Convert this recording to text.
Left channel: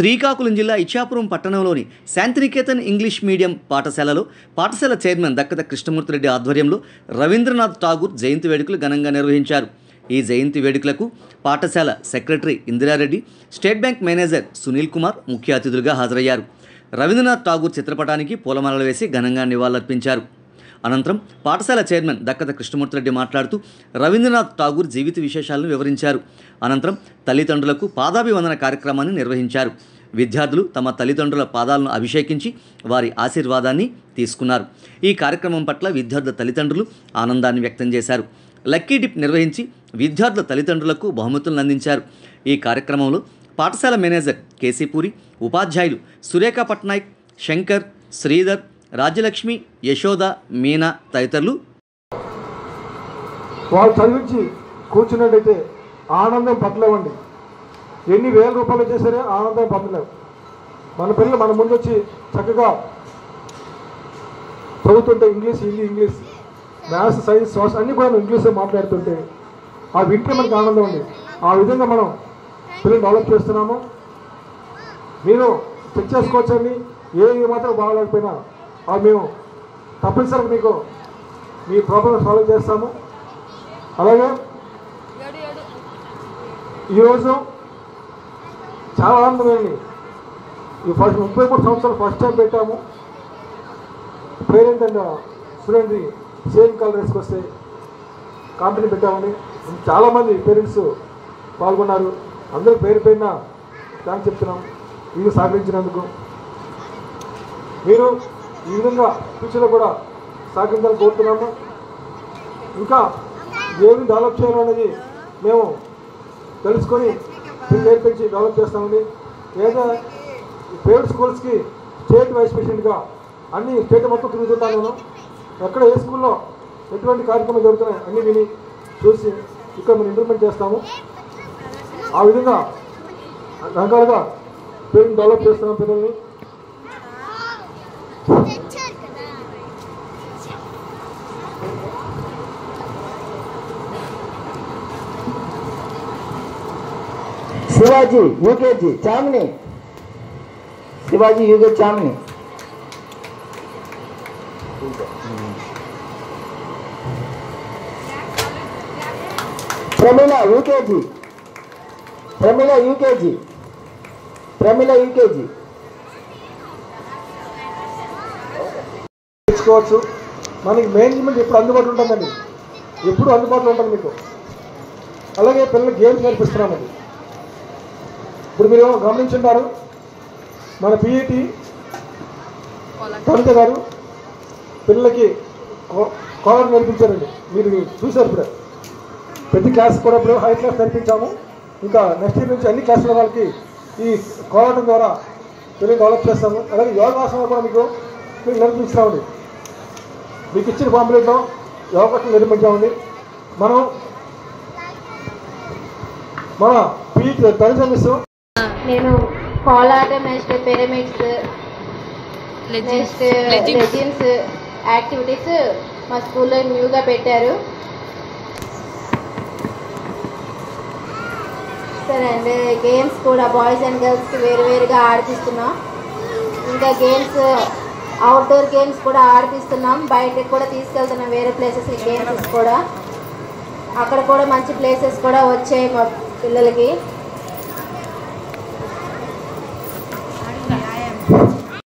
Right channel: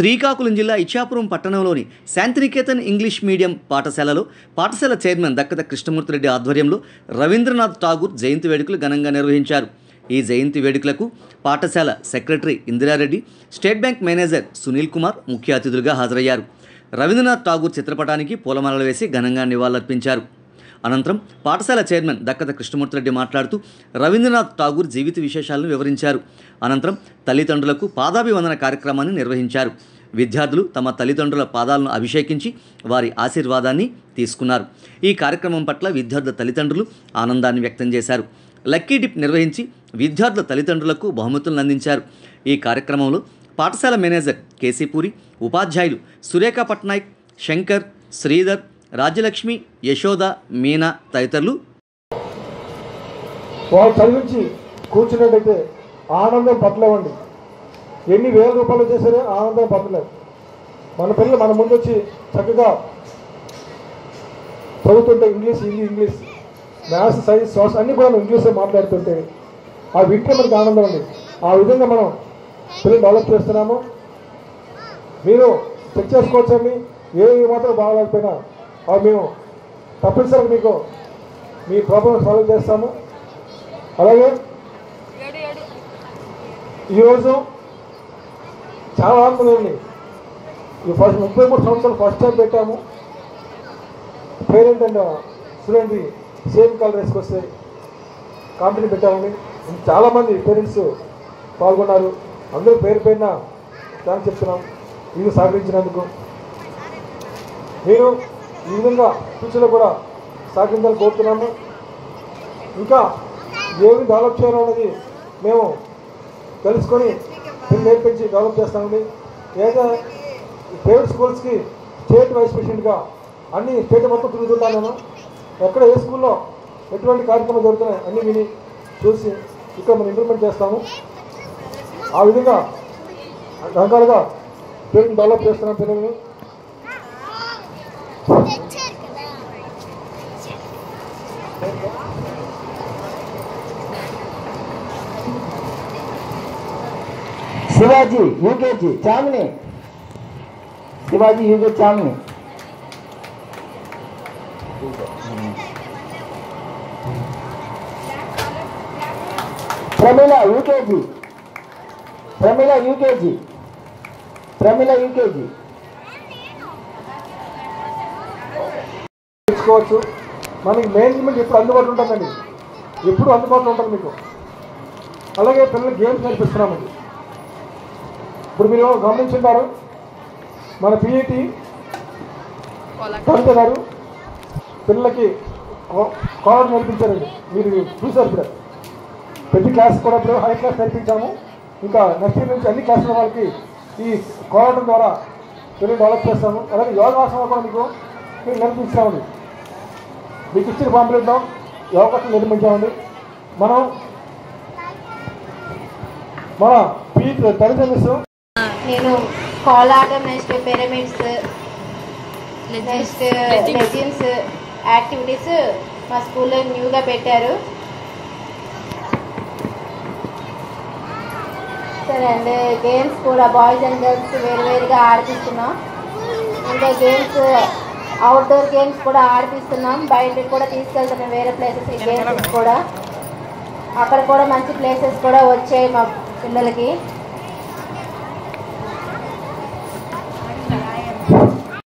శ్రీకాకుళం జిల్లా ఇచ్చాపురం పట్టణంలోని Shantiniketan English medium పాఠశాలలో పాఠశాల చైర్మన్ దక్కత కృష్ణమూర్తిరెడ్డి ఆధ్వర్యంలో రవీంద్రనాథ్ ఠాగూర్ జయంతి వేడుకలు ఘనంగా నిర్వహించారు. ఈ జయంతి వేడుకలకు పాఠశాల secretary Indira Reddy, state bank manager Sunil Kumar ముఖ్య అతిథులుగా హాజరయ్యారు. రవీంద్రనాథ్ ఠాగూర్ చిత్రపటానికి పూలమాలలు వేసి ఘనంగా నివాళులర్పించారు. అనంతరం పాఠశాల చైర్మన్ దక్కత కృష్ణమూర్తిరెడ్డి మాట్లాడుతూ రవీంద్రనాథ్ ఠాగూర్ జీవిత విశేషాలను వివరించారు. అనంతరం తల్లిదండ్రులకు పాదాభివందన కార్యక్రమాన్ని నిర్వహించారు. విద్యార్థులు తమ తల్లిదండ్రుల పాదాలను అభిషేకించి వారి ఆశీర్వాదాన్ని తీసుకున్నారు. ఈ కార్యక్రమం పట్ల విద్యార్థుల తల్లిదండ్రులు ఆనందాన్ని వ్యక్తం చేశారు. లక్కీ డిప్ నిర్వహించి విద్యార్థుల తల్లిదండ్రులకు బహుమతులను అందించారు. ఈ కార్యక్రమంలో పాఠశాల మేనేజర్ కేసీపూరి, ఉపాధ్యాయులు సురేఖ పట్నాయక్, శంకర్, శ్రీధర్, రాజ్యలక్ష్మి, యశోద, మీనా తదితరులు వాళ్ళు చదివించి కూర్చున్నట్టయితే ఆనందం పట్టలేవండి. ఎన్ని వేల రూపాయలు చేశారే ఆనందం పట్టలేవు. మన పిల్లలు మన ముందు వచ్చి చక్కగా చదువుతుంటే ఇంగ్లీష్, మ్యాథ్స్, సైన్స్, సోషల్ అన్నీ కూడా ఇంగ్లీష్లో మాట్లాడుతుంటే ఆ వింటే మనకు ఆనందం అండి. ఆ విధంగా మనం పిల్లలు డెవలప్ చేస్తున్నాము. మీరు చెక్ చేసుకోవచ్చండి. ఏ మాత్రం బాగలేకపోయినా అది మేము తప్పనిసరిగా మీకు మీ ప్రాబ్లం సాల్వ్ చేస్తాము. అలాగే ఈరోజు చాలా ఆనందమైంది. ఈ 33 సంవత్సరాలు ఫస్ట్ టైం పెట్టాము. Parent and student same colour వేసుకొస్తే కాంపిటీషన్ పెట్టామని చాలామంది పేరెంట్స్ పాల్గొన్నారు. అందరూ పేరు పేరున థ్యాంక్స్ చెప్తున్నాం ఇది సహకరించినందుకు. మీరు ఈ విధంగా ఫ్యూచర్లో కూడా సహకరించాలని కోరుతున్నాము. ఇంకా ఏమి డెవలప్ చేయాలనేది మేము తెలుసుకొని నేర్పించి డెవలప్ చేస్తామండి. ఏదైనా ప్రైవేట్ స్కూల్స్కి స్టేట్ వైస్ ప్రెసిడెంట్గా అన్ని స్టేట్ మొత్తం తిరుగుతుంటాను నేను. ఎక్కడ ఏ స్కూల్లో ఎటువంటి కార్యక్రమాలు జరుగుతున్నాయి అన్నీ విని చూసి ఇక్కడ మేము ఇంప్లిమెంట్ చేస్తాము. ఆ విధంగా రకాలుగా పిల్లల్ని డెవలప్ చేస్తున్నాం. పిల్లల్ని Shivaji UKG Chamini, Shivaji UKG Chamini, Pramila UKG, Pramila UKG, Pramila UKG తెచ్చుకోవచ్చు. మనకి మేనేజ్మెంట్ ఎప్పుడు అందుబాటులో ఉంటుందండి, ఎప్పుడు అందుబాటులో ఉంటుంది మీకు. అలాగే పిల్లలకి గేమ్స్ నేర్పిస్తున్నామండి. ఇప్పుడు మీరు గమనించుంటారు మన పిఈటి కవిత గారు పిల్లలకి కాలర్ నేర్పించారండి. మీరు చూసారు ఇప్పుడు ప్రతి క్లాస్ కూడా ఇప్పుడు హై క్లాస్ నేర్పించాము. ఇంకా నెక్స్ట్ ఇయర్ నుంచి అన్ని క్లాసుల వాళ్ళకి ఈ కాలర్ ద్వారా పిల్లలు డెవలప్ చేస్తాము. అలాగే యోగాసనాలు కూడా మీకు నేర్పించామండి. మీకు ఇచ్చిన పాంప్లెట్లో యోగాసనం నిర్మించామండి. మనం మన పిఈటి తల్లిదండ్రులు నేను కోలాట, next pyramids, next legends activities మా స్కూల్లో న్యూగా పెట్టారు. సరే అండి, గేమ్స్ కూడా బాయ్స్ అండ్ గర్ల్స్ వేరువేరుగా ఆడిపిస్తున్నాం. ఇంకా గేమ్స్ అవుట్డోర్ గేమ్స్ కూడా ఆడిపిస్తున్నాం. బయటకు కూడా తీసుకెళ్తున్నాం వేరే ప్లేసెస్ గేమ్స్ కూడా. అక్కడ కూడా మంచి ప్లేసెస్ కూడా వచ్చాయి మా పిల్లలకి.